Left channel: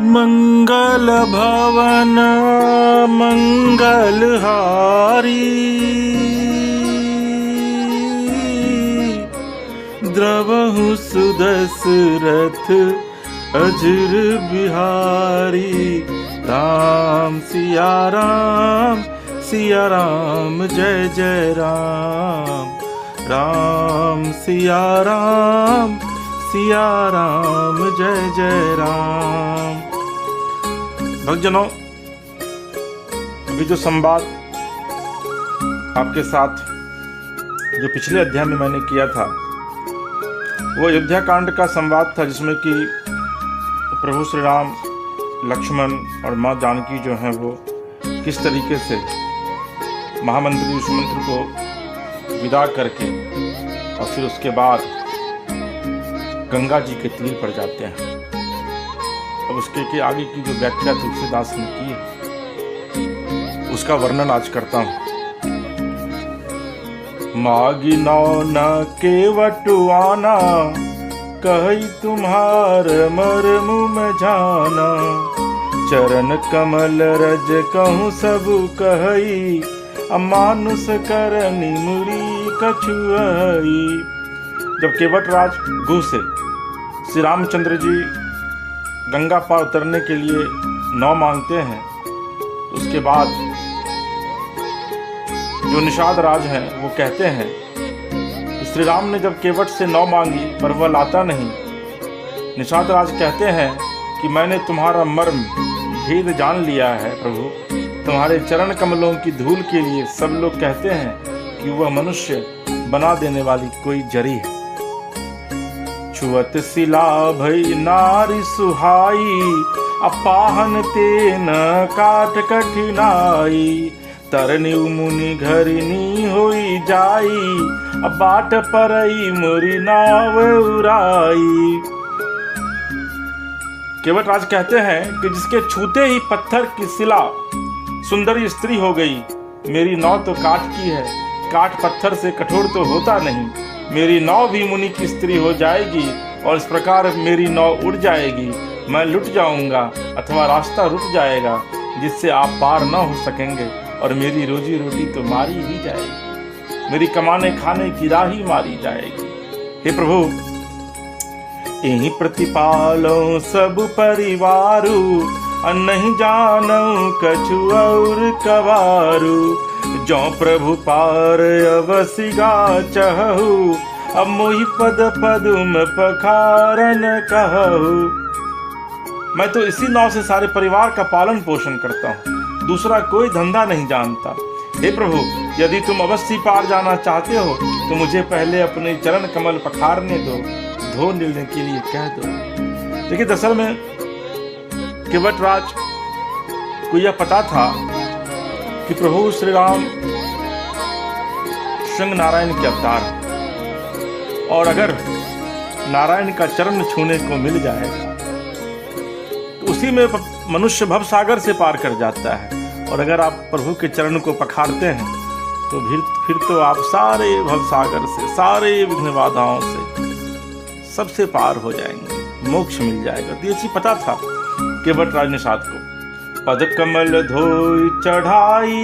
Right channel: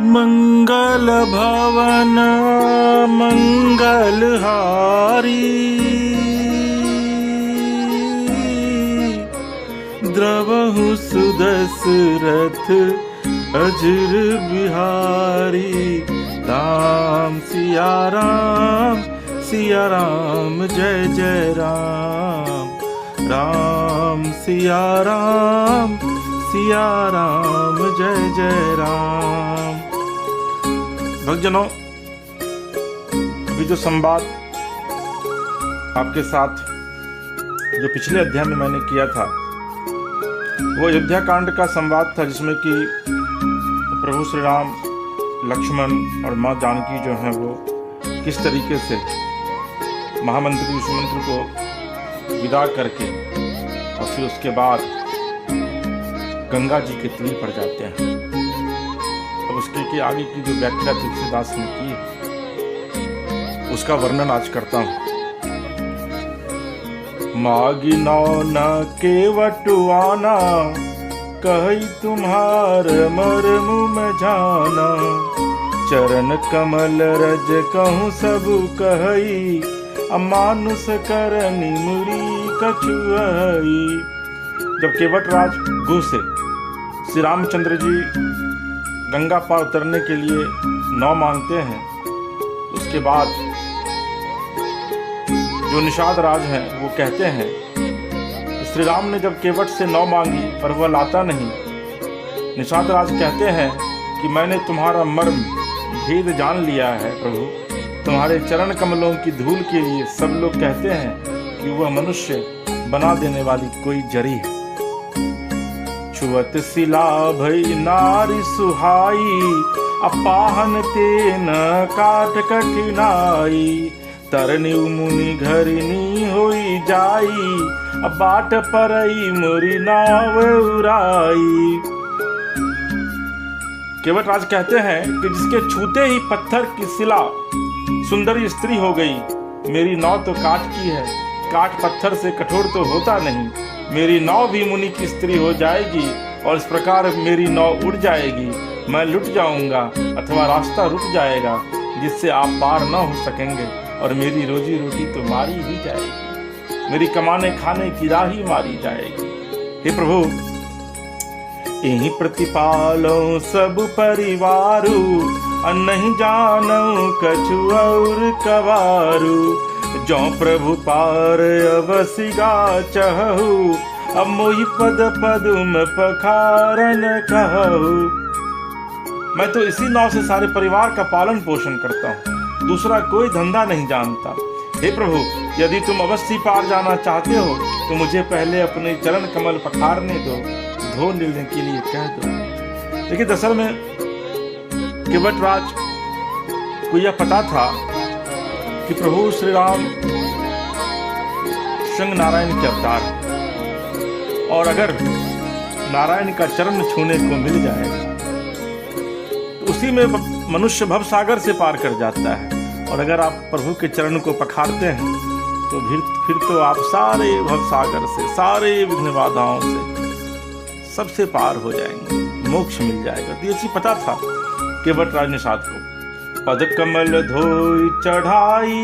मंगल भवन मंगलहारी, द्रवहु सुदशरथ अजर बिहारी। राम सिया राम जय जय राम, राम सिया राम जय जय राम। भक्तजनों, अभी जो संवाद आपके साथ जो पिछले अध्याय में मैंने किया था, वो अयोध्या कांड का संवाद था, जिसमें कि प्रभु श्री राम, लक्ष्मण और माँ जानकी जो है वो किस तरीके से महामंत्री सुमंत्र को विदा करके और फिर उसके बाद गंगा जी के तीर पर जाते हैं। तो उसके के आगे की जो व्याख्या तुलसीदास ने की, उसका वर्णन आज करता हूँ। मागी नौ न केवटुआना, कही तुम्हार मर्म में जाना। चरण कमल रज कहूँ सब कही, अमानुष करनी मुरी कछुआई। जब केवटराज गु से श्री रामचंद्र जी गंगा पार उतरने के लिए नाव मांगते हैं, उसके बाद जो निषाद राज हैं वो कहते हैं, श्री राम ने जब केवट से नाव मांगी पर वह लाता नहीं। निषाद राज कहते हैं कि मैंने तुम्हारा मर्म भेद जान लिया है प्रभु, तुम्हारे चरण कमलों की धूल के लिए सब लोग कहते हैं कि वह मनुष्य बना देने वाली कोई जरी है। छुअत शिला भई नारी सुहाई, अपाहन तेन काट कठिनाई। तरनी मुनि घरिनी होई जाई, बाट परई मुरी नाव उराई। केवटराज कहते हैं कि जिसके छूते ही पत्थर की शिला सुंदरी स्त्री हो गई। मेरी नाव तो काठ की है, काठ पत्थर से कठोर तो होता नहीं। मेरी नाव भी मुनि की स्त्री हो जाएगी और इस प्रकार मेरी नाव उड़ जाएगी। मैं लुट जाऊंगा अथवा रास्ता रुक जाएगा, जिससे आप पार न हो सकेंगे और मेरी रोजी रोटी तो मारी ही जाएगी, मेरी कमाने खाने की राह ही मारी जाएगी। हे प्रभु, यही प्रतिपालो सब परिवारू, नहीं जानो कछु और कवारू। जो प्रभु पार अवसिगा चहु, अब मोहि पद पदुम पखारन कहु। मैं तो इसी नाव से सारे परिवार का पालन पोषण करता हूँ, दूसरा कोई धंधा नहीं जानता। हे प्रभु, यदि तुम अवश्य पार जाना चाहते हो तो मुझे पहले अपने चरण कमल पखारने दो, धो लेने के लिए कह दो। देखिए, दरअसल में केवटराज को यह पता था कि प्रभु श्री राम श्रृंग नारायण के अवतार, और अगर नारायण का चरण छूने को मिल जाए तो उसी में मनुष्य भवसागर से पार कर जाता है। और अगर आप प्रभु के चरण को पखारते हैं तो फिर तो आप सारे भवसागर से, सारे विघ्न बाधाओं से सबसे पार हो जाएंगे, मोक्ष मिल जाएगा। ऐसी पता था केवटराज निषाद को। पद कमल धोई चढ़ाई,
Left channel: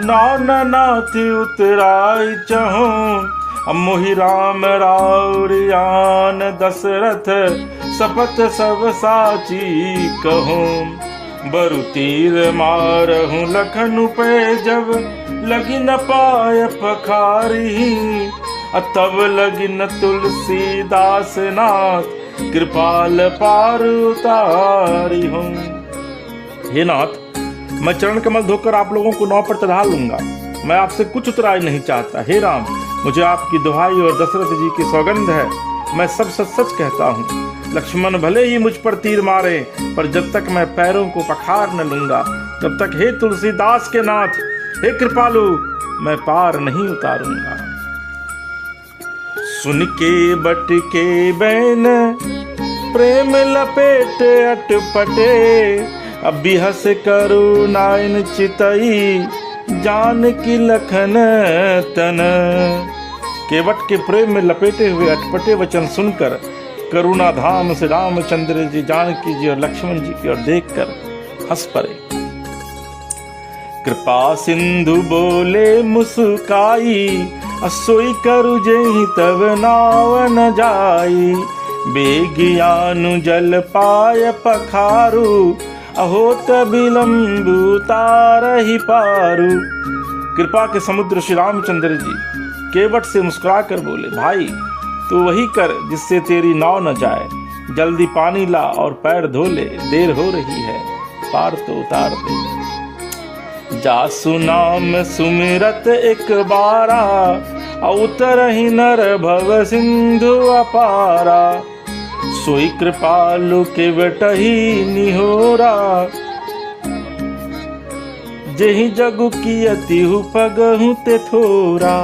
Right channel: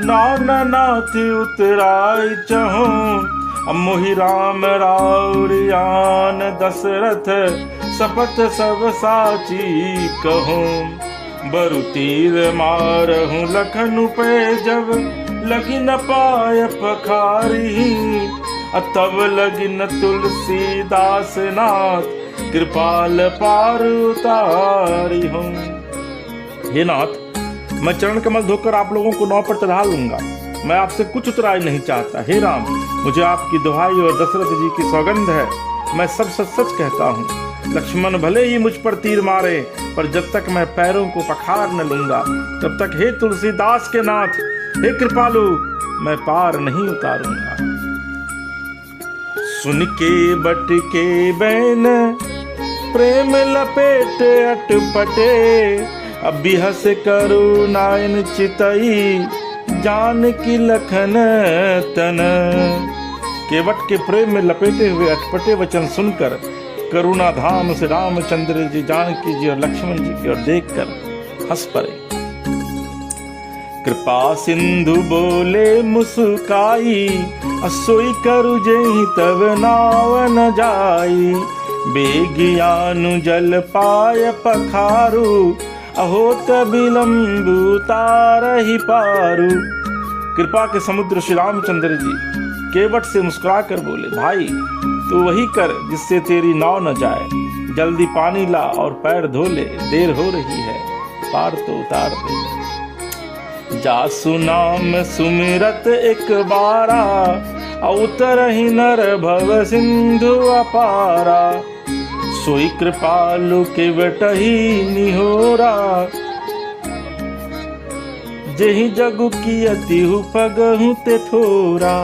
नाना नाथ उतराई चहु। मोहि राम राउरियान दशरथ, सपत सब साची कहूँ। बरु तीर मारहूँ लखन पे जब, लगी न पाय पखारी। तब लगी न तुलसीदास नाथ, कृपाल पार उतारी हूँ। हे नाथ, मैं चरण कमल धोकर आप लोगों को नाव पर चढ़ा लूंगा, मैं आपसे कुछ उतराई नहीं चाहता। हे राम, मुझे आपकी दुहाई और दशरथ जी की सौगंध है, मैं सब सच सच कहता हूँ। लक्ष्मण भले ही मुझ पर तीर मारे, पर जब तक मैं पैरों को पखार न लूंगा, तब तक हे तुलसीदास के नाथ, हे कृपालु, मैं पार नहीं उतारूंगा। सुन के बट के बैन, प्रेम लपेट अटपटे। अभी हस करू नायन चितई, जान की लखन तन। केवट के प्रेम में लपेटे हुए अटपटे वचन सुनकर करुणा धाम से रामचंद्र जी, जानकी जी और लक्ष्मण जी की ओर देखकर हंस पड़े। कृपा सिंधु बोले मुस्काई, असोई करु जेहि तब नाव न जाई। बेगियानु जल पाय पखारू, अहो तबिलंबु तारहि पारू। कृपा के समुद्र श्री रामचंद्र जी केवट से मुस्कुरा कर बोले, भाई तू वही कर जिससे तेरी नाव न जाए। जल्दी पानी ला और पैर धो ले, देर हो रही है, पार तो उतार दे। जासु नाम सुमिरत एक बारा, उतरहि नर भव सिंधु अपारा। सोई कृपालु केवटहि निहोरा, जेहि जगु कियतिहु पगहु ते थोरा।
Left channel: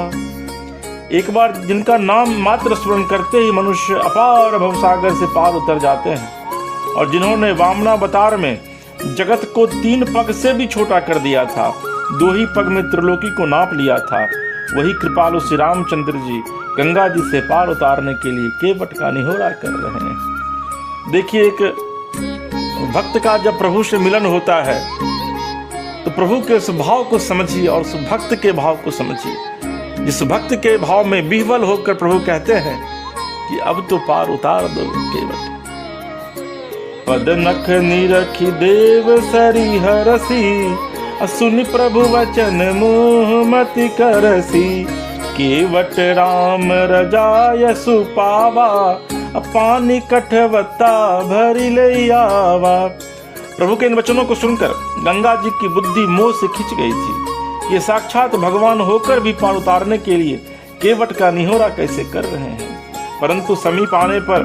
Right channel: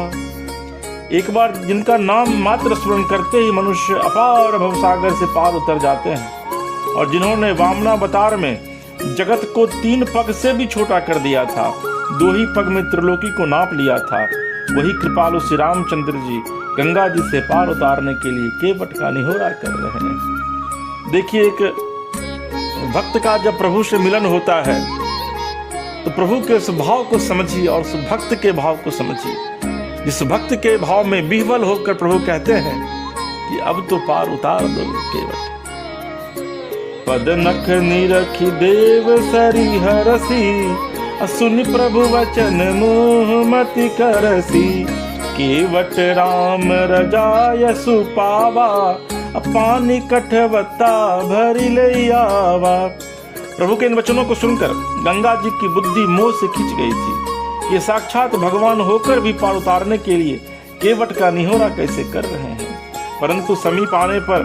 एक बार जिनका नाम मात्र स्मरण करते ही मनुष्य अपार भवसागर से पार उतर जाते हैं, और जिन्होंने वामनावतार में जगत को 3 पग से भी छोटा कर दिया था, 2 ही पग में त्रिलोकी को नाप लिया था, वही कृपालु श्री रामचंद्र जी गंगा जी से पार उतारने के लिए केवट का निहोरा कर रहे हैं। देखिए, एक भक्त का जब प्रभु से मिलन होता है तो प्रभु के स्वभाव को समझिए और उस भक्त के भाव को समझिए। जिस भक्त के भाव में विह्वल होकर प्रभु कहते हैं कि अब तो पार उतार दो केवट। पद नख निरखि देव सरी हरसी, सुनि प्रभु वचन मोह मति करसी। केवट राम रजाय सुपावा, पानी कठवत्ता भरि ले आवा। प्रभु के इन वचनों को सुनकर गंगा जी की बुद्धि मोह से खिंच गई थी। ये साक्षात भगवान होकर भी पार उतारने के लिए केवट का निहोरा कैसे कर रहे हैं। परंतु समीप आने पर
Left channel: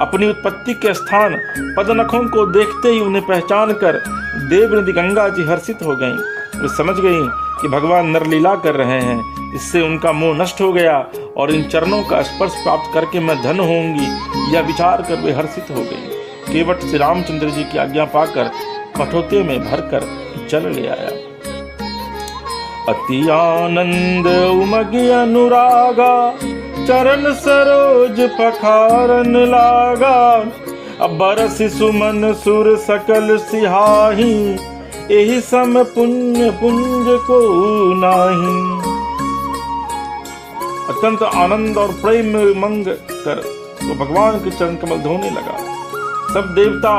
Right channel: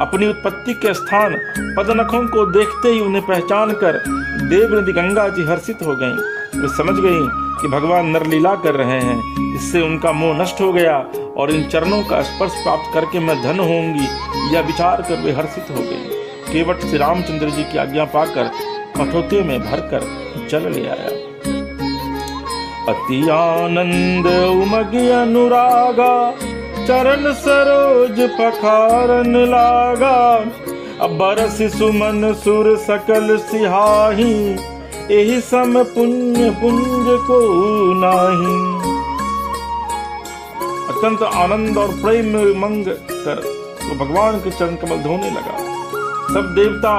अपनी उत्पत्ति के स्थान पदनखों को देखते ही उन्हें पहचान कर देवनदी गंगा जी हर्षित हो गईं। वे समझ गईं कि भगवान नरलीला कर रहे हैं। इससे उनका मोह नष्ट हो गया और इन चरणों का स्पर्श प्राप्त करके मैं धन्य होंगी, यह विचार कर वे हर्षित हो गए। केवट श्री रामचंद्र जी की आज्ञा पाकर कठोते में भरकर जल ले आया। अति आनंद उमगी अनुरागा, चरण सरोज पखारन लागा। अब बरसि सुमन सुर सकल सिहाही, एहि सम पुण्य पुंज को नाही। अत्यंत आनंद और प्रेम में मंग कर वो भगवान के चरण कमल धोने लगा। सब देवता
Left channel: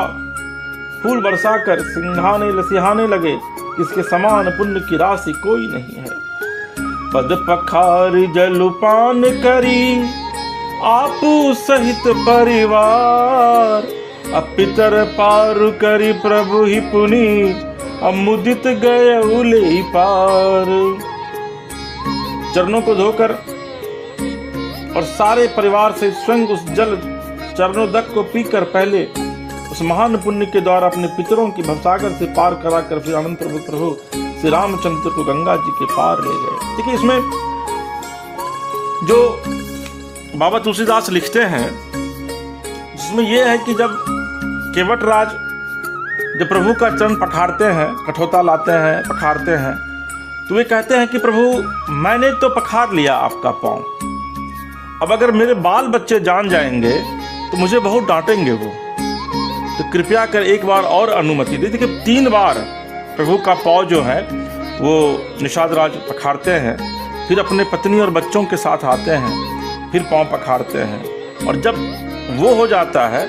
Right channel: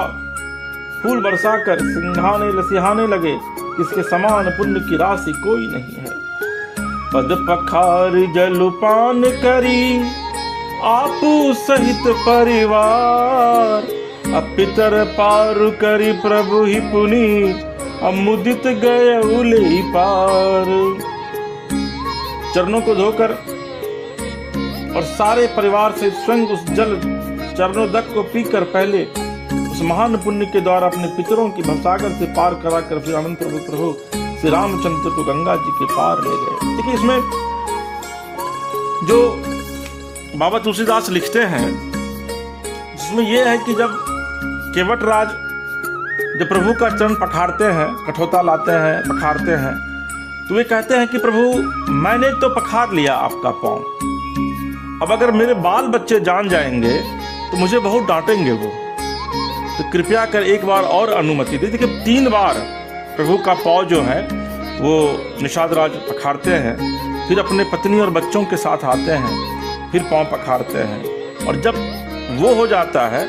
फूल बरसाकर सिहाने लगे, इसके समान पुण्य की राशि कोई नहीं है। पद पखार जलपान करी, आपू सहित परिवार। पितर पार करी प्रभु ही पुनि, मुदित गए उले पार। चरणों को धोकर और सारे परिवार से स्वयं उस जल चरणोदक को पीकर पहले उस महान पुण्य के द्वारा अपने पितरों की भवसागर से पार कराकर श्री अनंत प्रभु श्री रामचंद्र को गंगा जी के पार ले गए। देखिए, इसमें जो बाबा तुलसीदास लिखते हैं इसमें यह है कि जब केवट राज जब प्रभु का चरण पखारते हैं, कठोता लाते हैं, पखारते हैं, तो वे कहते हैं कि प्रभु मैंने तो पखार लिया आपका पांव, अब अगर मेरे बाल बच्चे जान जाएंगे तो मुझे बहुत डांटेंगे वो, तो कृपया कर एक बार और अनुमति दे। देखिए, 3 बार प्रभु का पांव जो है वो निषाद राज पखारते हैं, फिर अपने पत्नी और बच्चों के साथ आते हैं, फिर पांव पखारते हैं, और जब वो हो जाता है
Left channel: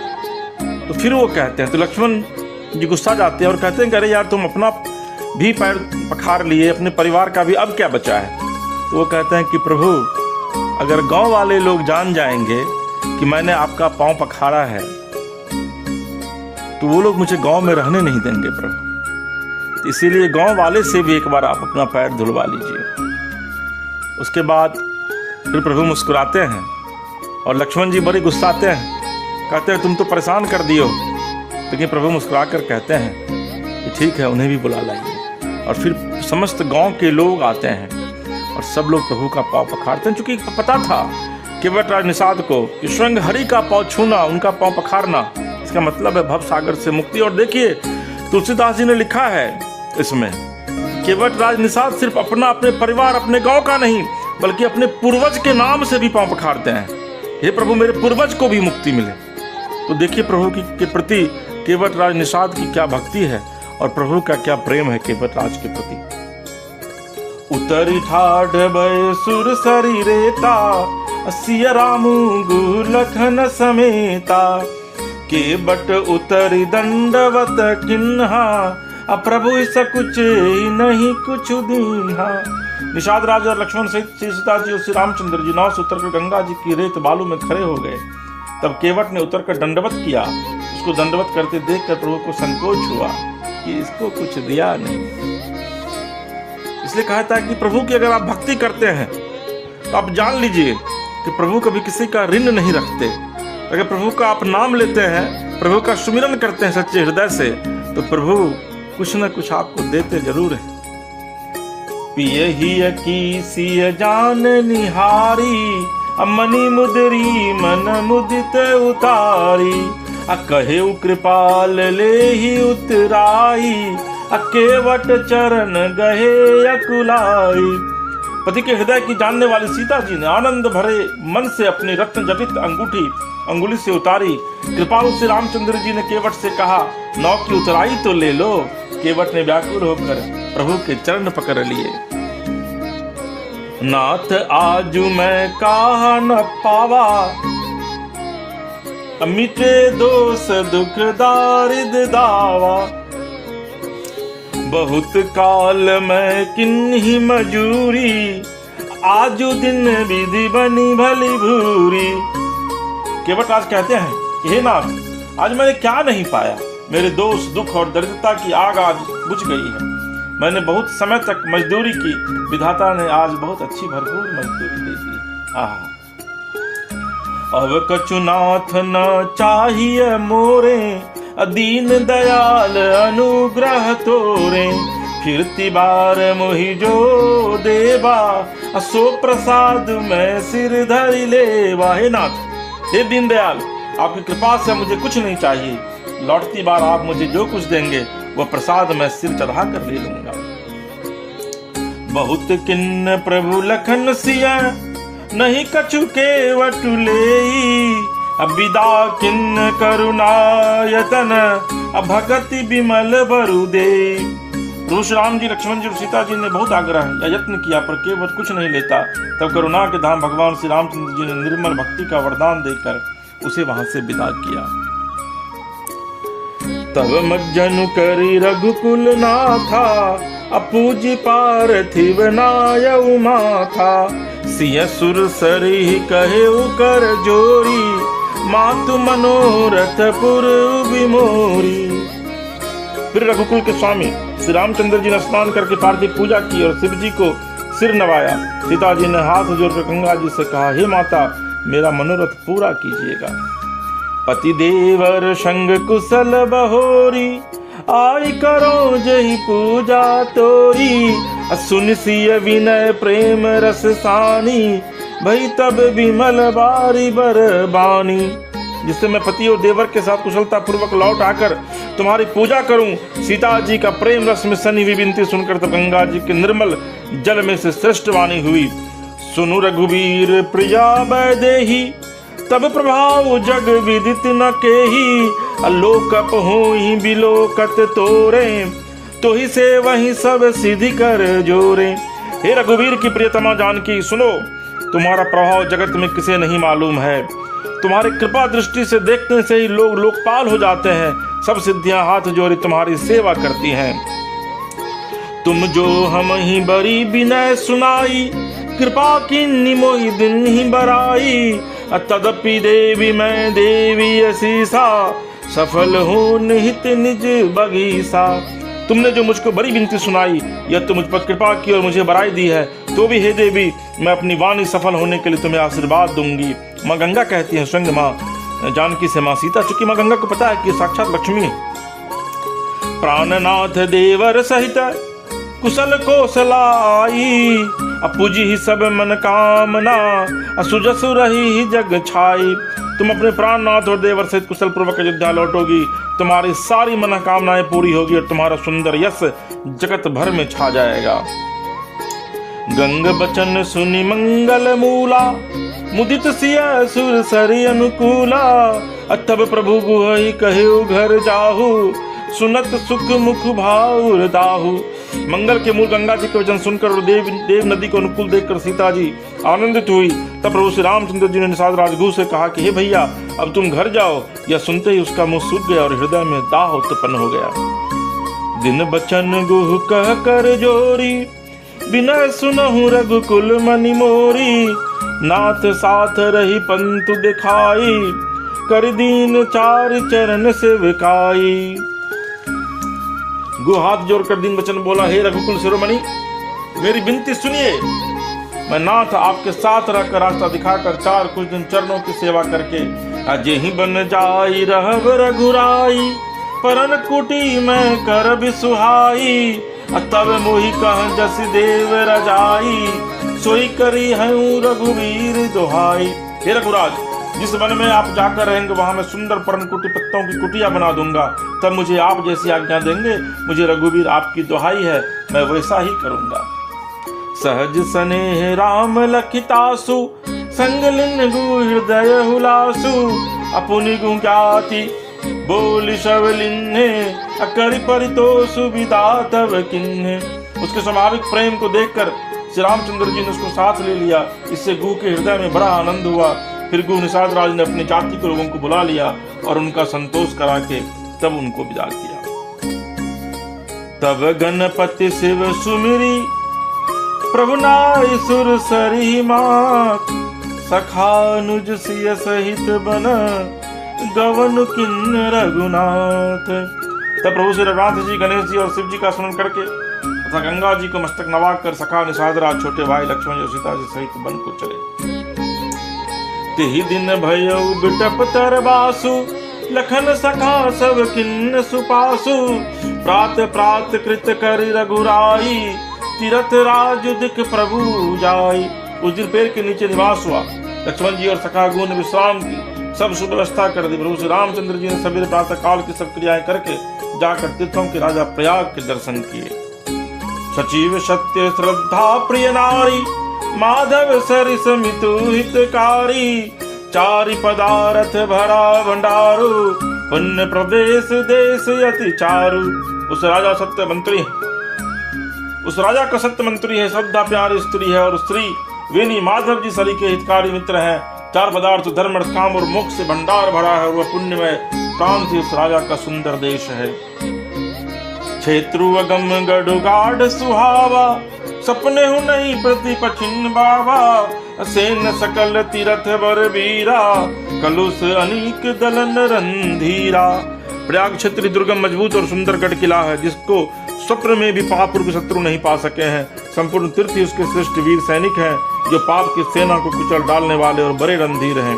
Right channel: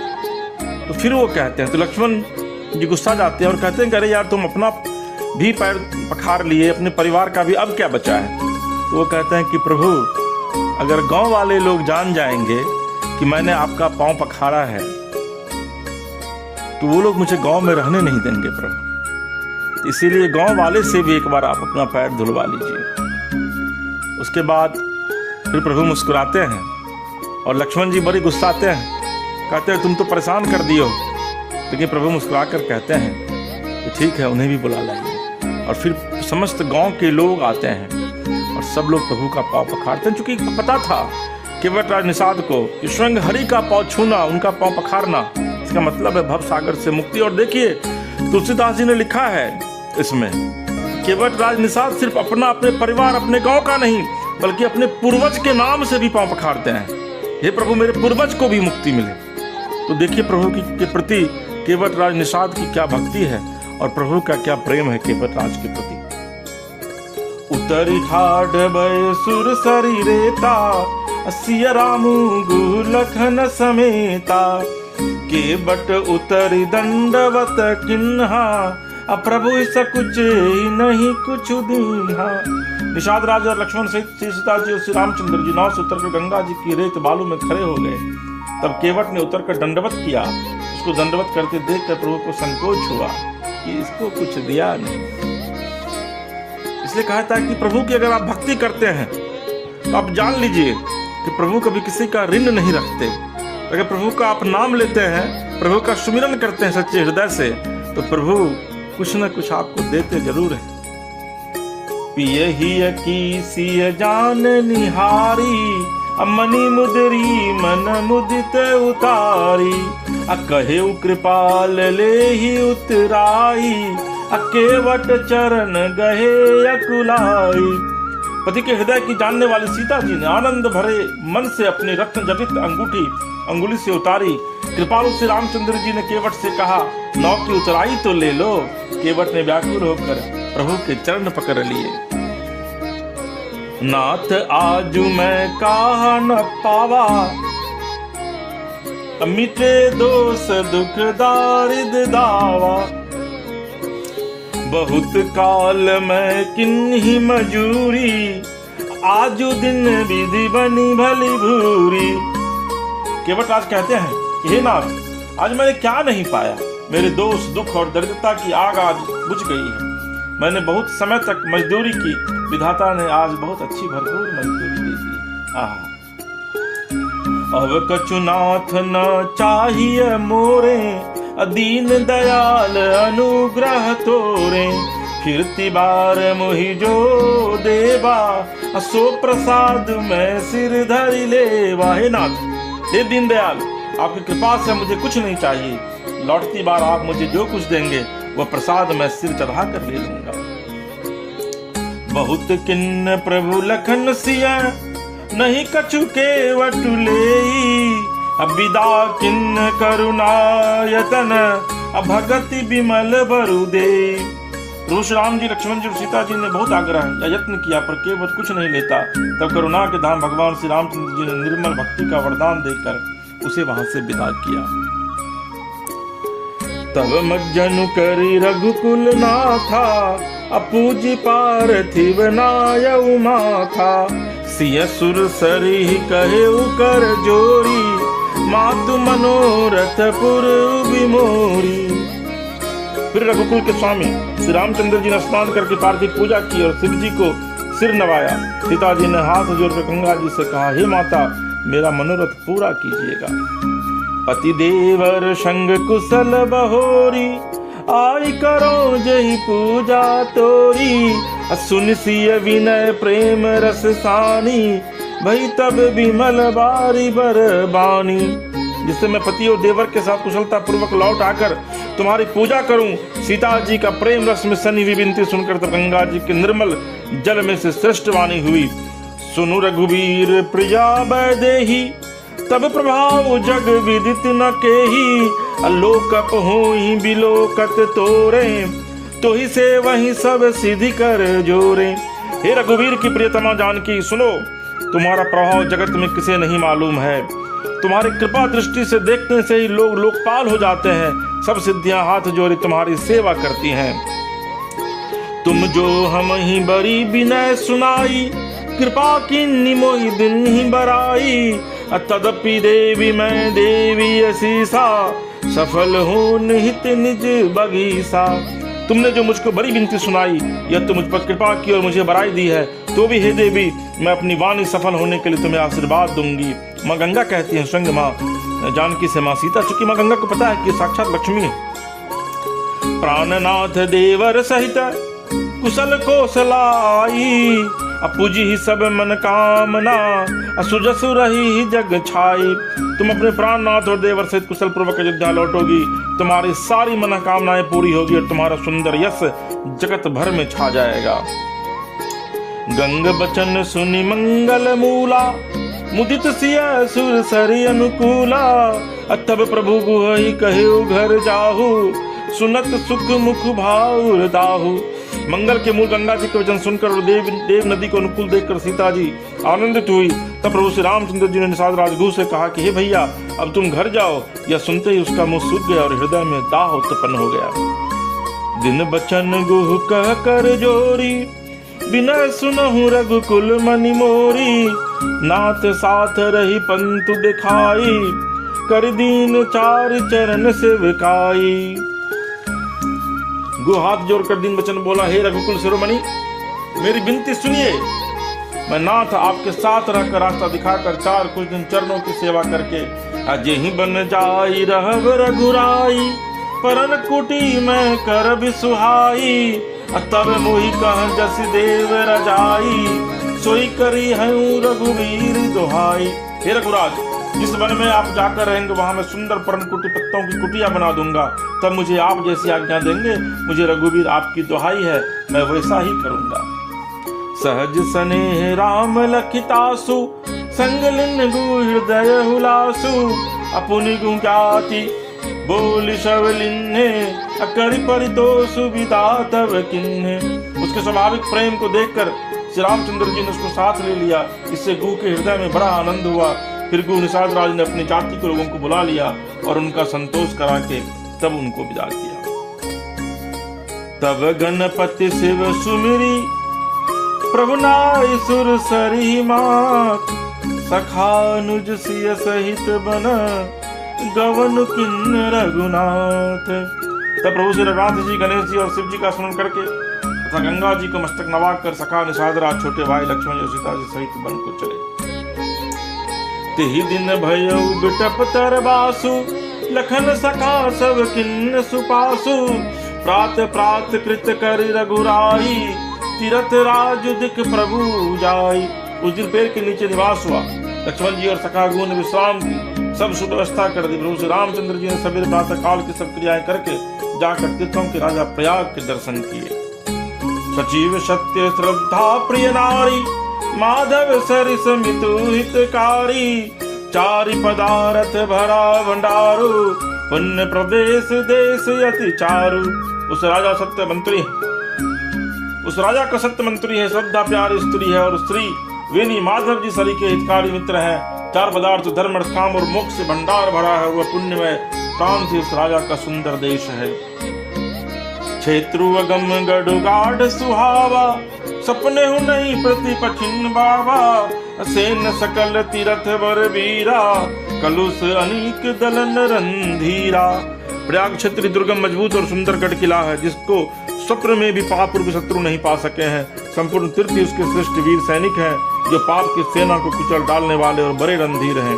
तो फिर वो कहते हैं, तो लक्ष्मण जी गुस्सा जाते हैं और कहते हैं कि अरे यार, तुम अपना भी पैर पखार लिए, अपने परिवार का भी, अब क्या बचा है। तो वो कहते हैं कि प्रभु अगर गांव वाले लोग जान जाएंगे कि मैंने आपका पांव पखारा है तो वो लोग मुझे गांव में रहने नहीं देंगे प्रभु, इसीलिए गांव वाले से भी एक बार आप अपना पैर धुलवा लीजिए। उसके बाद फिर प्रभु मुस्कुराते हैं और लक्ष्मण जी बड़े गुस्साते हैं, कहते हैं तुम तो परेशान कर दियो। लेकिन प्रभु मुस्कुरा कर कहते हैं कि ठीक है, उन्हें भी बुला लाएंगे। और फिर समस्त गांव के लोग आते हैं और सब लोग प्रभु का पांव पखारते हैं, क्योंकि पता था केवट राज निषाद को कि स्वयं हरि का पांव छूना, उनका पांव पखारना, इसका मतलब है भव सागर से मुक्ति। और देखिए, तुलसीदास जी ने लिखा है इसमें, केवट राज निषाद सिर्फ अपने परिवार, अपने गांव का नहीं, बल्कि अपने पूर्वज के नाम से भी पांव पखारते हैं। हे प्रभु, मेरे पूर्वज को भी मुक्ति मिले। तो देखिए प्रभु के प्रति केवट राज निषाद की क्या भक्ति है और प्रभु का क्या प्रेम है केवट राज के प्रति। उतरी ठाढ़ भय सुर शरीरेता, सिया रामू गुलखन समेता, केवट उतरी दंडवत किन्हा, प्रभु सकुच नहीं कुछ दीन्हा। निषाद राज और लक्ष्मण सहित सीता जी और श्री रामचंद्र जी नाव से उतरकर गंगा जी की रेत बालू में खड़े हो गए। तब केवट ने उतरकर दंडवत किया। उसको दंडवत करते देखकर प्रभु को संकोच हुआ कि इसको कुछ दिया नहीं। इसलिए कहा था कि प्रभु की अगर आप भक्ति करते हैं तो आप जान लीजिए कि प्रभु कभी किसी का ऋण नहीं रखते। अगर प्रभु का आप नाम लेते हैं, प्रभु का सुमिरन करते हैं सच्चे हृदय से, तो प्रभु कुछ न कुछ आपको देते जरूर है। पिय ही की सिय जान निहारी, मणि मुदरी मन मुदित उतारी, कहे कृपाल ले ही उतराई, केवट चरण गहे अकुलाई। पति के हृदय की जानने वाली सीता जी ने आनंद भरे मन से अपनी रत्न जटित अंगुली से उतारी। कृपालु श्री रामचंद्र जी ने केवट से कहा, नौ की उतराई तो ले लो। केवट ने व्याकुल होकर प्रभु के चरण पकड़ लिए। नाथ आजू मैं कहा न पावा, मिटे दोष दुख दारिद दावा, बहुत काल मैं किन्ही मजूरी, आजू दिन विधि बनी भली भूरी। केवट राज कहते हैं कि हे नाथ, आज मैंने क्या नहीं पाया। मेरे दोष दुख और दरिद्रता की आग आज बुझ गई है। मैंने बहुत समय तक मजदूरी की, विधाता ने आज बहुत अच्छी भरपूर मजदूरी दी। अब कछुनाथ न चाहिए मोरे, दीन दयाल अनुग्रह तोरे, कीर्ति बार मोहि जो देवा, सो प्रसाद में सिर धरि लेवा। हे नाथ, हे दीन दयाल, आपकी कृपा से मुझे कुछ नहीं चाहिए। लौटती बार आप मुझे जो कुछ देंगे वो प्रसाद में सिर चढ़ा कर ले लूंगा। बहुत किन्न प्रभु लखन सिया, नहीं कछु केवट लेई, विदा किन्न करुणायतन, भगति विमल बरु दे। रोष राम जी, लक्ष्मण जी, सीता जी ने बहुत आग्रह या यत्न किया पर केवट कुछ नहीं लेता। तब करुणा के धाम भगवान श्री रामचंद्र जी ने निर्मल भक्ति का वरदान देकर उसे वहां से विदा किया। तब मज्जनु करी रघुकुल नाथा, अपूजी पार्थिव नायउ माथा, सिय सुर सरी कहे कर जोरी, मातु मनोरथ पुर विमोरी। फिर रघुकुल के स्वामी श्री रामचंद्र जी ने स्नान करके पार्थिव पूजा की और शिव जी को सिर नवाया। सीता जी ने हाथ जोड़कर गंगा जी से कहा, हे माता, मेरा मनोरथ पूरा कीजिएगा। पति देवर संग कुशल बहोरी, आई करो जही पूजा तोरी, सुन सिय विनय प्रेम रस सानी, भई तब विमल बारी बरबानी। जिससे मैं पति और देवर के साथ कुशलता पूर्वक लौट आकर तुम्हारी पूजा करूं। सीता जी का प्रेम रस में सनी हुई विनती सुनकर तो गंगा जी के निर्मल जल में से श्रेष्ठ वाणी हुई, सुनु रघुवीर प्रिया वैदेही, तब प्रभाव जग विदित न केही, लोकप होई बिलोकत तोरे, तो ही से वही सब सिद्धि कर जोरे। हे रघुवीर की प्रियतमा जानकी, सुनो, तुम्हारा प्रभाव जगत में किसे नहीं मालूम है। तुम्हारी कृपा दृष्टि से देखने से ही लोग लोकपाल हो जाते हैं। सब सिद्धियां हाथ जोड़ी तुम्हारी सेवा करती हैं। तुम जो हम ही बड़ी विनय सुनाई, कृपा की निमोई दिन ही बराई, तदपि देवी मैं देवी असीसा, सफल हो निहित निज बगीसा। तुमने जो मुझको बड़ी विनती सुनाई, यह तो मुझ पर कृपा की और मुझे बराई दी है, तो भी हे देवी, मैं अपनी वाणी सफल होने के लिए तुम्हें आशीर्वाद दूंगी। माँ गंगा कहती है स्वयं माँ जानकी से माँ सीता, चूंकि माँ गंगा को पता है कि साक्षात लक्ष्मी है। प्राणनाथ देवर सहित कुशल कौशलाई, पूजी ही सब मन कामना, सुजस रही जग छाई। तुम अपने प्राणनाथ और देवर सहित कुशल पूर्वक अयोध्या लौटोगी, तुम्हारी सारी मनोकामनाएं पूरी होगी और तुम्हारा सुंदर यश जगत भर में छा जाएगा। गंग बचन सुनि मंगल मूला, मुदित सिया सुर सरि अनुकूला। तब प्रभु गुहई कहियो घर जाहु, सुनत सुख मुख भाव दाहु। मंगल के मूल गंगा जी के वचन सुनकर और देव नदी को अनुकूल देखकर सीता जी आनंदित हुई। तब प्रभु श्री रामचंद्र जी ने निषाद राजगुह से कहा कि हे भैया, अब तुम घर जाओ। यह सुनते ही उसका मुंह सूख गया और हृदय में दाह उत्पन्न हो गया। दिन बचन गुह कह कर जोरी, बिना सुनहु रघुकुल मनि मोरी। नाथ साथ रही पंतु दिखाई, कर दीन चार चरण सेविकाई। गुह हाथ जोड़कर दिन बचन बोला, हे रघुकुल शिरोमणि, मेरी विनती सुनिए। मैं नाथ आपके साथ रहकर रास्ता दिखाकर चार कुछ दिन चरणों की सेवा करके अजय ही बन जाई रहब रघुराई। परन कुटी में कर भी सुहाई, तब मोहि कह जस देव रजाई। सोई करी हूँ रघुवीर दुहाई। हे रघुराज, जिस वन में आप जाकर रहेंगे वहां मैं सुंदर पर्ण कुटी पत्तों की कुटिया बना दूंगा। तब मुझे आप जैसी आज्ञा देंगे। मुझे रघुवीर आपकी दुहाई है, मैं वैसा ही करूंगा। सहज स्नेह राम लखितासु, संग लिन हृदय हुलासु। अपुनि गुंगाति बोली शवलिन्हे, अकरि परितोष विदा तव किन्हे। उसके स्वाभाविक प्रेम को देखकर श्री रामचंद्र जी ने उसको साथ ले लिया। इससे गुह के हृदय में बड़ा आनंद हुआ। फिर गुह निषाद राज ने अपनी जाति के लोगों को बुला लिया और उनका संतोष करा के तब उनको विदा किया। तब गणपति शिव सुमिरी, प्रभु नाई सुर सरी मात। सखानुज सिय सहित बन, गवन किन्न रघुनाथ। तब प्रभु श्री रघुनाथ जी, गणेश जी और शिव जी का स्मरण करके तथा गंगा जी को मस्तक नवाकर कर सखा निषाद राज, छोटे भाई लक्ष्मण और सीता जी सहित वन को चले। तिहि दिन भयउ बिटप तरबासु, लखन सखा सब किन्न सुपासु। प्रात प्रात कृत कर रघुराई, तीरथ राज दिख प्रभु जाई। उस दिन पेड़ के नीचे निवास हुआ। लक्ष्मण जी और सखा गुह ने विश्राम सब शुभ व्यवस्था कर दी। प्रभु श्री रामचंद्र जी ने सवेरे प्रातः काल की सब क्रियाएं करके जाकर तीर्थों के राजा प्रयाग के दर्शन किए। सचिव सत्य श्रद्धा प्रिय नारी, माधव सरिस मितु हितकारी। चारि पदार्थ भरा भंडारू, पुण्य प्रदेश देश अति चारु। उस राजा का सत्य मंत्री है, श्रद्धा प्यारी स्त्री है और स्त्री वेनी माधव जी सरी के हितकारी मित्र है। चार पदार्थ धर्म अर्थ काम और मोक्ष से भंडार भरा है। वह पुण्य में काम से इस राजा का सुंदर देश है। क्षेत्रु अगम गढ़ गाढ़ सुहावा, सपने हूँ नहीं प्रति पखिन बाबा। सेन सकल तीरथ वर वीरा, कलुष अनीक दलन रंधीरा। प्रयाग क्षेत्र दुर्गम मजबूत और सुंदर गढ़ किला है, जिसको स्वप्न में भी पापपूर्व शत्रु नहीं पा सके हैं। संपूर्ण तीर्थ उसके श्रेष्ठ वीर सैनिक हैं, जो पाप की सेना को कुचल डालने वाले और बड़े रणधीर हैं।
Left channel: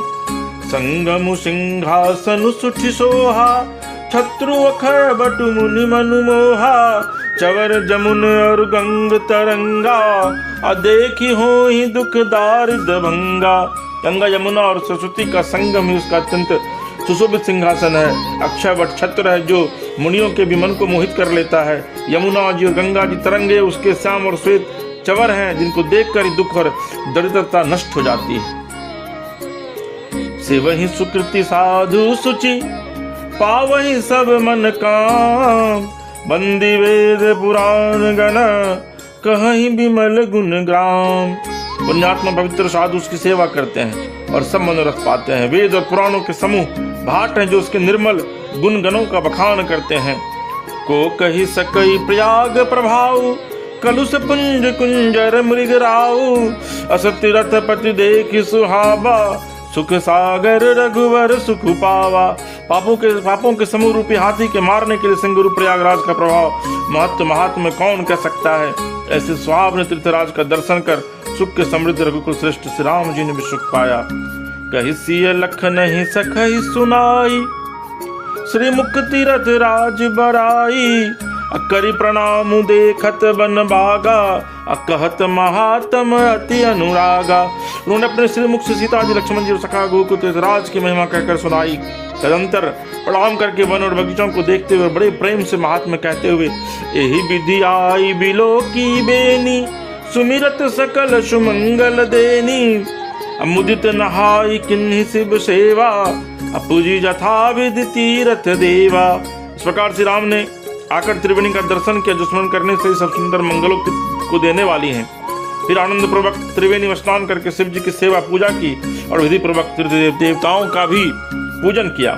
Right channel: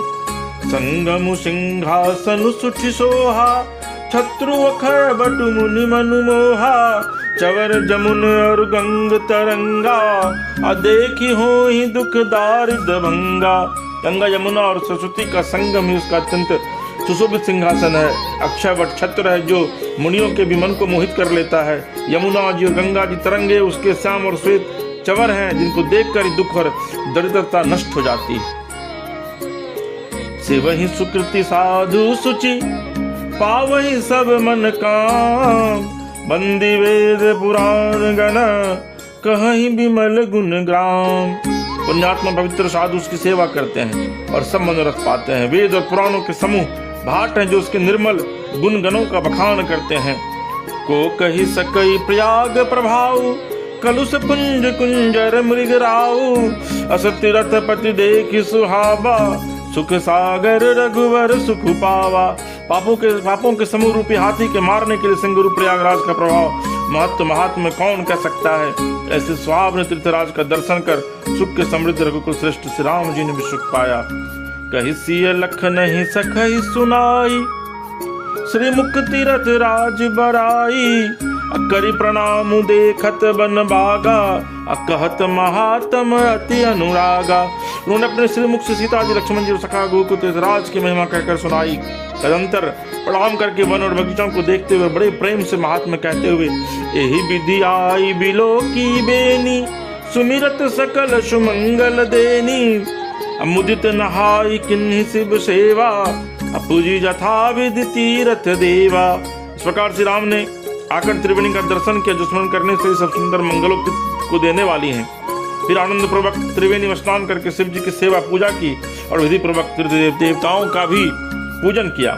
संगम सिंहासन सुठि सोहा, शत्रु अखर बटु मुनि मनु मोहा। चवर जमुन और गंग तरंगा, देखी हो ही दुख दारिद भंगा। गंगा यमुना और सरस्वती का संगम ही उसका अत्यंत सुशोभित सिंहासन है। अक्षय वट छत्र है जो मुनियों के भी मन को मोहित कर लेता है। यमुना जी और गंगा की तरंगे उसके श्याम और श्वेत चवर हैं, जिनको देखकर ही दुख और दरिद्रता नष्ट हो जाती है। सेवहि सुकृति साधु सुचि, पावहि सब मन काम। बंदी वेद पुराण गण, कहीं विमल गुण ग्राम। पुण्यात्मा पवित्र साधु उसकी सेवा करते हैं और सब मनोरथ पाते हैं। वेद और पुराणों के समूह भाट हैं जो उसके निर्मल गुण गणों का बखान करते हैं। को कही सकई प्रयाग प्रभाव, कलुष कुंज कुंजर मृगराऊ। असत्य रथ पति देखि सुहावा, सुख सागर रघुवर सुख पावा। पापों के समूह रूपी हाथी के मारने के लिए सिंगुरु प्रयागराज का प्रभाव महत्व महात्मा में कौन कह सकता है। ऐसे स्वाभ ने तीर्थराज का दर्शन कर सुख के समृद्ध रघुकुल श्रेष्ठ श्री राम जी ने भी सुख पाया। कहि सिय लख नहीं सखई सुनाई, श्री मुख तीरथ राज बराई। करि प्रणाम देखत बन बागा, कहत महात्म अति अनुरागा। उन्होंने अपने श्री मुख से सीता जी लक्ष्मण जी और सखा गुह को तीर्थराज की महिमा कहकर सुनाई। तदंतर प्रणाम करके वन और बगीचों को देखते हुए बड़े प्रेम से महात्मा कहते हुए, यही विधि आई बिलो की बेनी। सुमिरत सकल सुमंगल देनी, मुदित नहाई किन्हीं शिव सेवा, पूजी जथा विधि तीरथ देवा। इस प्रकार श्री राम ने आकर त्रिवेणी का दर्शन किया, जो स्मरण करने से सब सुंदर मंगलों को देने वाली हैं। फिर आनंद पूर्वक त्रिवेणी में स्नान करके शिव जी की सेवा पूजा की और विधि पूर्वक देवताओं का भी पूजन किया।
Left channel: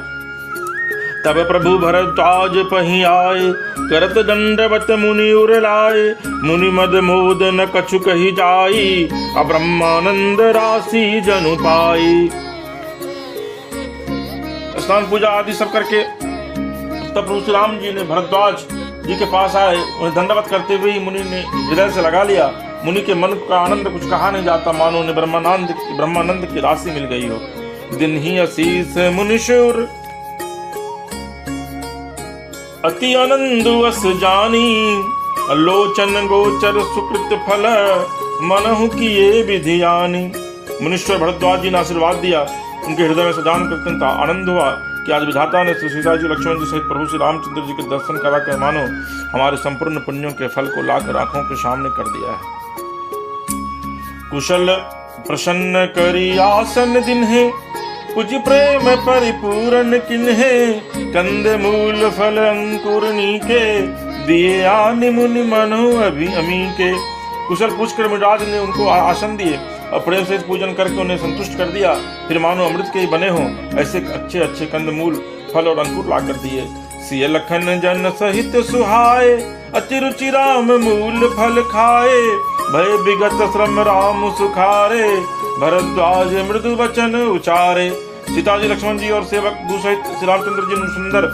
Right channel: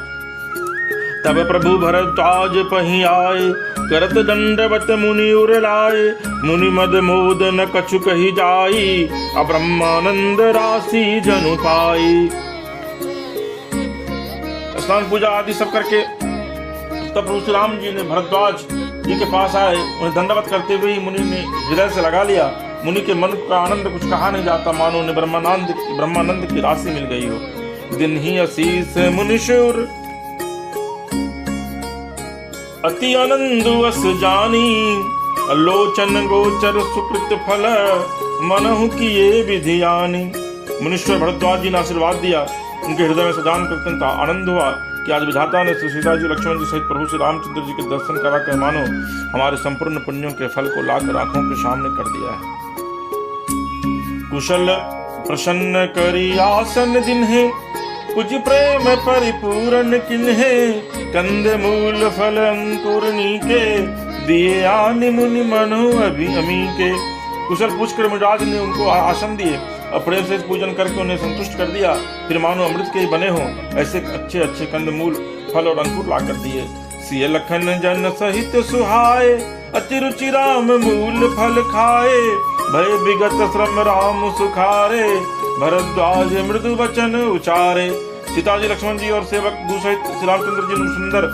तब प्रभु भरद्वाज पही आए, करत दंडवत मुनि उर लाए, मुनि मद मोद न कछु कही जाई, ब्रह्मानंद राशि जनु पाई। स्नान पूजा आदि सब करके तब प्रभु श्री राम जी ने भरद्वाज जी के पास आए, उन्हें दंडवत करते हुए मुनि ने हृदय से लगा लिया। मुनि के मन का आनंद कुछ कहा नहीं जाता, मानो उन्हें ब्रह्मानंद की राशि मिल गई हो। दिन ही असीस मुनिशुर अति आनंद अस जानी, लोचन गोचर सुकृत फल, मनहु किए विधियानी। मुनीश्वर भरद्वाज जी ने आशीर्वाद दिया, उनके हृदय में सदान करते आनंद हुआ कि आज विधाता ने सीता जी लक्ष्मण जी सहित प्रभु श्री रामचंद्र जी के दर्शन कराकर मानो हमारे संपूर्ण पुण्यों के फल को लाकर आंखों के सामने कर दिया है। कुशल प्रसन्न करी आसन जिन्हें, कुछ प्रेम परिपूर्ण किन्हे, कंद मूल फल अंकुरनी के, दिए आनि मुनि मनु अभी अमी के। कुशल पूछकर मुराद ने उनको आसन दिए और प्रेम से पूजन करके उन्हें संतुष्ट कर दिया। फिर मानो अमृत के बने हों ऐसे अच्छे अच्छे कंदमूल फल और अंकुर ला कर दिए। सिय लखन जन सहित सुहाए, अति रुचि राम मूल फल खाए, भय विगत श्रम राम सुखारे, भरद्वाज मृदु वचन उचारे। सीता जी लक्ष्मण जी और सेवक दूसरे श्री रामचंद्र जी ने सुंदर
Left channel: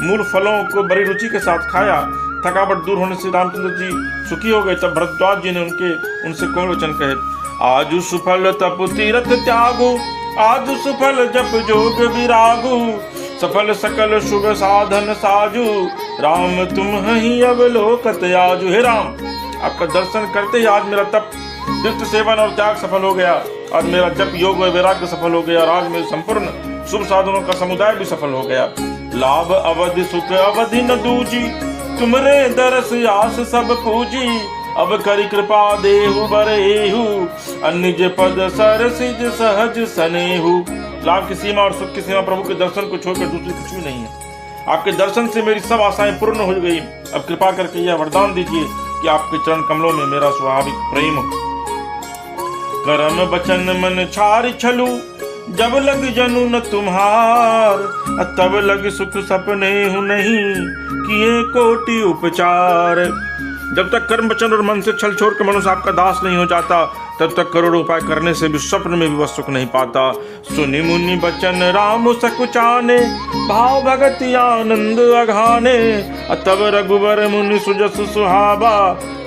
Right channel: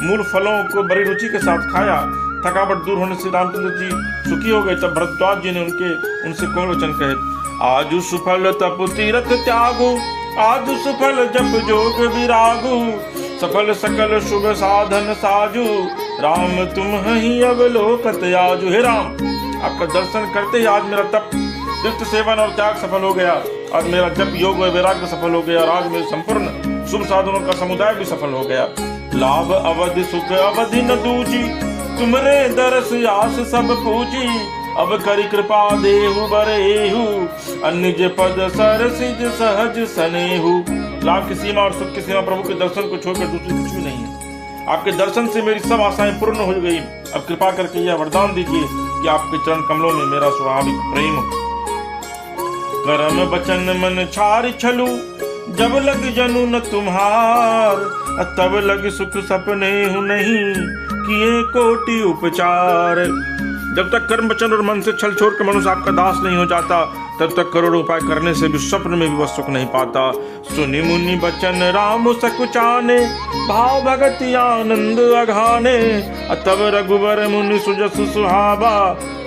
मूल फलों को बड़ी रुचि के साथ खाया। थकावट दूर होने से रामचंद्र जी सुखी हो गए। तब भरद्वाज जी ने उनसे कौन वचन कहे, आजु सुफल तप तीरथ त्यागु, आजु सुफल जप जोग विरागु, सफल सकल शुभ साधन साजु, राम तुम ही अवलोकत आजु। हे राम, आपका दर्शन करते ही आज मेरा तप तीर्थ सेवन और त्याग सफल हो गया, आज मेरा जप योग और वैराग्य सफल हो गया, आज मेरे संपूर्ण शुभ साधनों का समुदाय भी सफल हो गया। लाभ अवधि सुख अवधि न दूजी, तुम्हारे दरस आस सब पूजी, अब करी कृपा देहु बरेहु, निज पद सरसिज सहज सनेहु। लाभ की सीमा और सुख की सीमा प्रभु के दर्शन को छोड़कर दूसरी कुछ भी नहीं है। आपके दर्शन से मेरी सब आशाएं पूर्ण हो गई। अब कृपा करके यह वरदान दीजिए कि आपके चरण कमलों में मेरा स्वाभाविक प्रेम हो। कर्म वचन मन छारि छलू, जब लग जनु न तुम्हार, तब लग सुख सपने हूँ नहीं, किए कोटि उपचार। जब तक कर्म वचन और मन से छल छोड़ के मनुष्य आपका दास नहीं हो जाता, तब तक करोड़ों उपाय करने से भी स्वप्न में भी वह सुख नहीं पाता। सुनि मुनि बचन राम सकुचाने, भाव भगति आनंद अघाने, तब रघुवर मुनि सुजस सुहावा,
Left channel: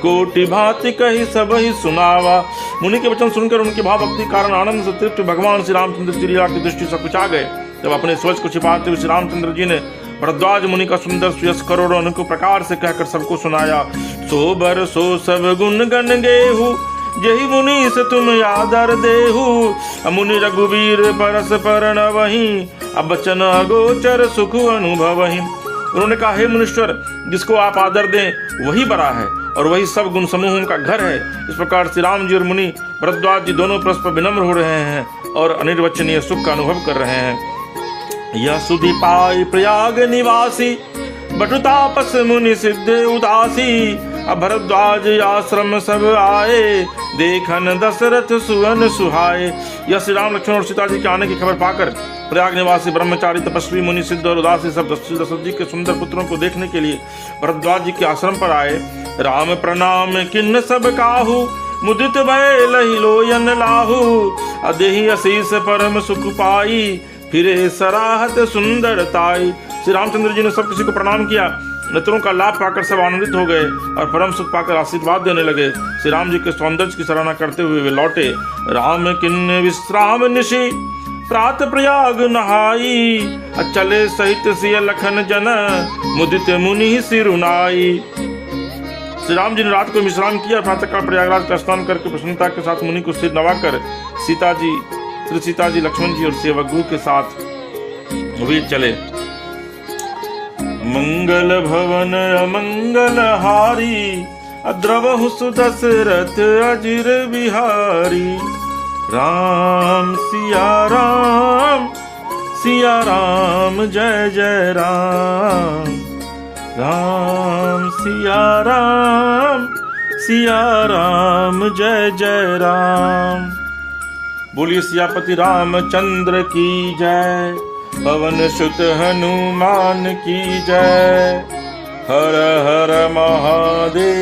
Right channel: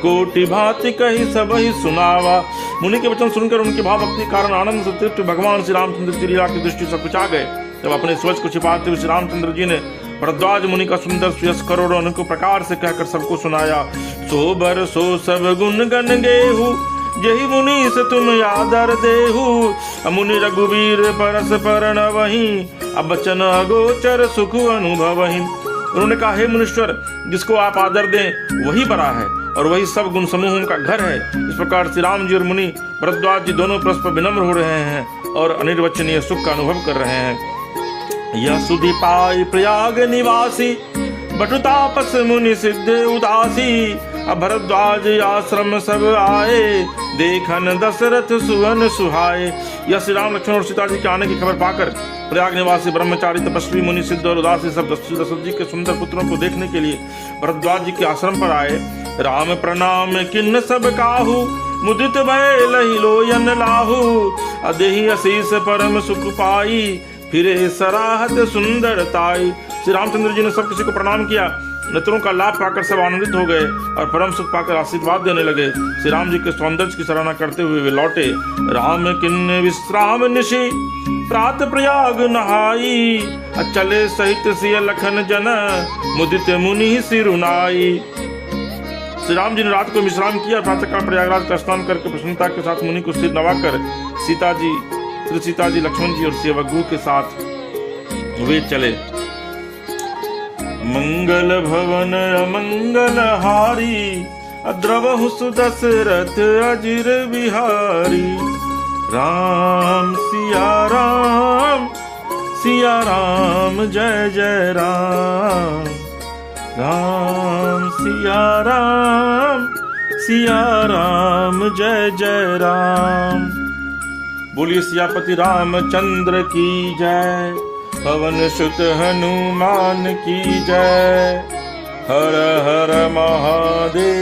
कोटि भांति कही सब ही सुनावा। मुनि के वचन सुनकर उनके भाव भक्ति कारण आनंद से तृप्त भगवान श्री रामचंद्र जी की दृष्टि से कुचा गए। जब अपने सोच को छिपाते हुए श्री रामचंद्र जी ने भरद्वाज मुनि का सुंदर सुयस करोड़ों अनेक प्रकार से कहकर सबको सुनाया। सो बर सो सब गुण गण गेहू, यही मुनि से तुम आदर देहू, मुनि रघुवीर परस परण वही, अब बचन अगोचर सुख अनुभव ही। उन्होंने कहा, हे मुनीश्वर, जिसको आप आदर दें वही बड़ा है और वही सब गुण समूहों का घर है। इस प्रकार श्री राम जी और मुनि भरद्वाज जी दोनों परस्पर विनम्र हो रहे हैं और अनिर्वचनीय सुख का अनुभव कर रहे हैं। यह सुधि पाए प्रयाग निवासी, बटु तापस मुनि सिद्ध उदासी, भरद्वाज आश्रम सब आए, देखन दशरथ सुवन सुहाए। यह श्री राम लक्ष्मण और सीता जी के आने की खबर पाकर प्रयाग निवासी ब्रह्मचारी तपस्वी मुनि सिद्ध और उदासी सब दशरथ जी के सुंदर पुत्रों को देखने के लिए भरद्वाज जी के आश्रम पर आए। राम प्रणाम किन्न सब काहू, मुदित भय लहि लोयन लाहू, अदेहि असीस परम सुख पाई, फिरे सराहत सुंदरताई। श्री रामचंद्र जी ने सब किसी को प्रणाम किया। नेत्रों का लाभ पाकर सब आनंदित हो गए और परम सुख पाकर आशीर्वाद देने लगे। श्री राम जी के सौंदर्य की सराहना करते हुए वे लौटे। राम किन्न विश्राम निशि, प्रात प्रयाग नहाई, चले सहित सिय लखन जन, मुदित मुनि सिरुनाई। श्री राम जी ने रात को विश्राम किया, प्रातःकाल प्रयागराज का स्नान करके प्रसन्नता के साथ मुनि को सिर नवाकर सीता जी लक्ष्मण जी और सेवक गुरु के साथ वे चले। मंगल भवन अमंगल हारी, द्रवहु सुदशरथ अजिर बिहारी। राम सिया राम जय जय राम। राम सिया राम जय जय राम। बोलिए सियापति रामचंद्र की जय। पवन सुत हनुमान की जय। हर हर महादेव।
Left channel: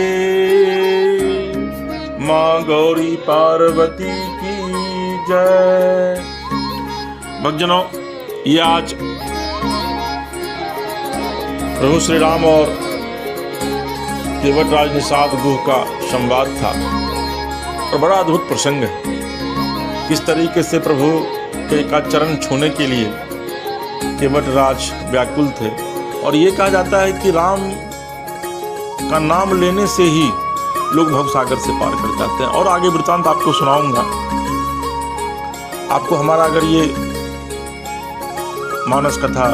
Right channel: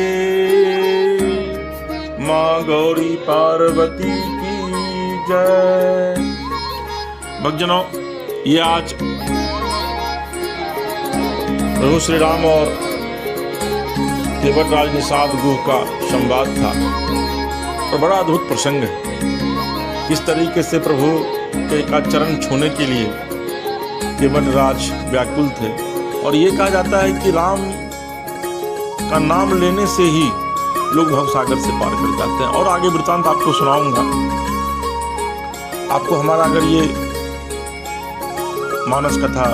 माँ गौरी पार्वती की जय। भक्तजनों, ये आज प्रभु श्री राम और देवराज निषाद गुह का संवाद था और बड़ा अद्भुत प्रसंग है। किस तरीके से प्रभु के का चरण छूने के लिए देवराज व्याकुल थे। और ये कहा जाता है कि राम का नाम लेने से ही लोग भवसागर से पार कर जाते हैं। और आगे वृतांत आपको सुनाऊंगा। आपको हमारा अगर ये मानस कथा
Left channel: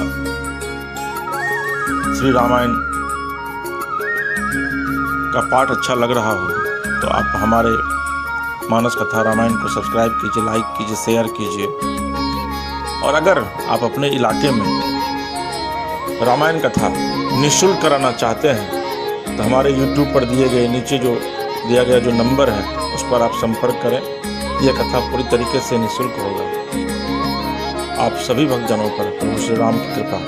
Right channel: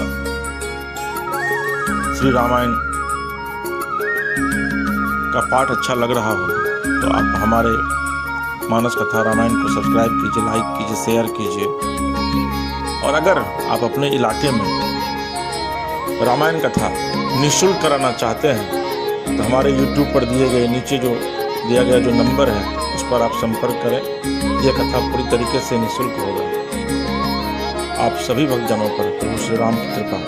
श्री रामायण का पाठ अच्छा लग रहा हो तो आप हमारे मानस कथा रामायण को सब्सक्राइब कीजिए, लाइक कीजिए, शेयर कीजिए। और अगर आप अपने इलाके में रामायण कथा निःशुल्क कराना चाहते हैं तो हमारे YouTube पर दिए गए नीचे जो दिया गया जो नंबर है उस पर आप संपर्क करें। यह कथा पूरी तरीके से निःशुल्क होगी। आप सभी भक्तजनों पर प्रभु श्री राम की कृपा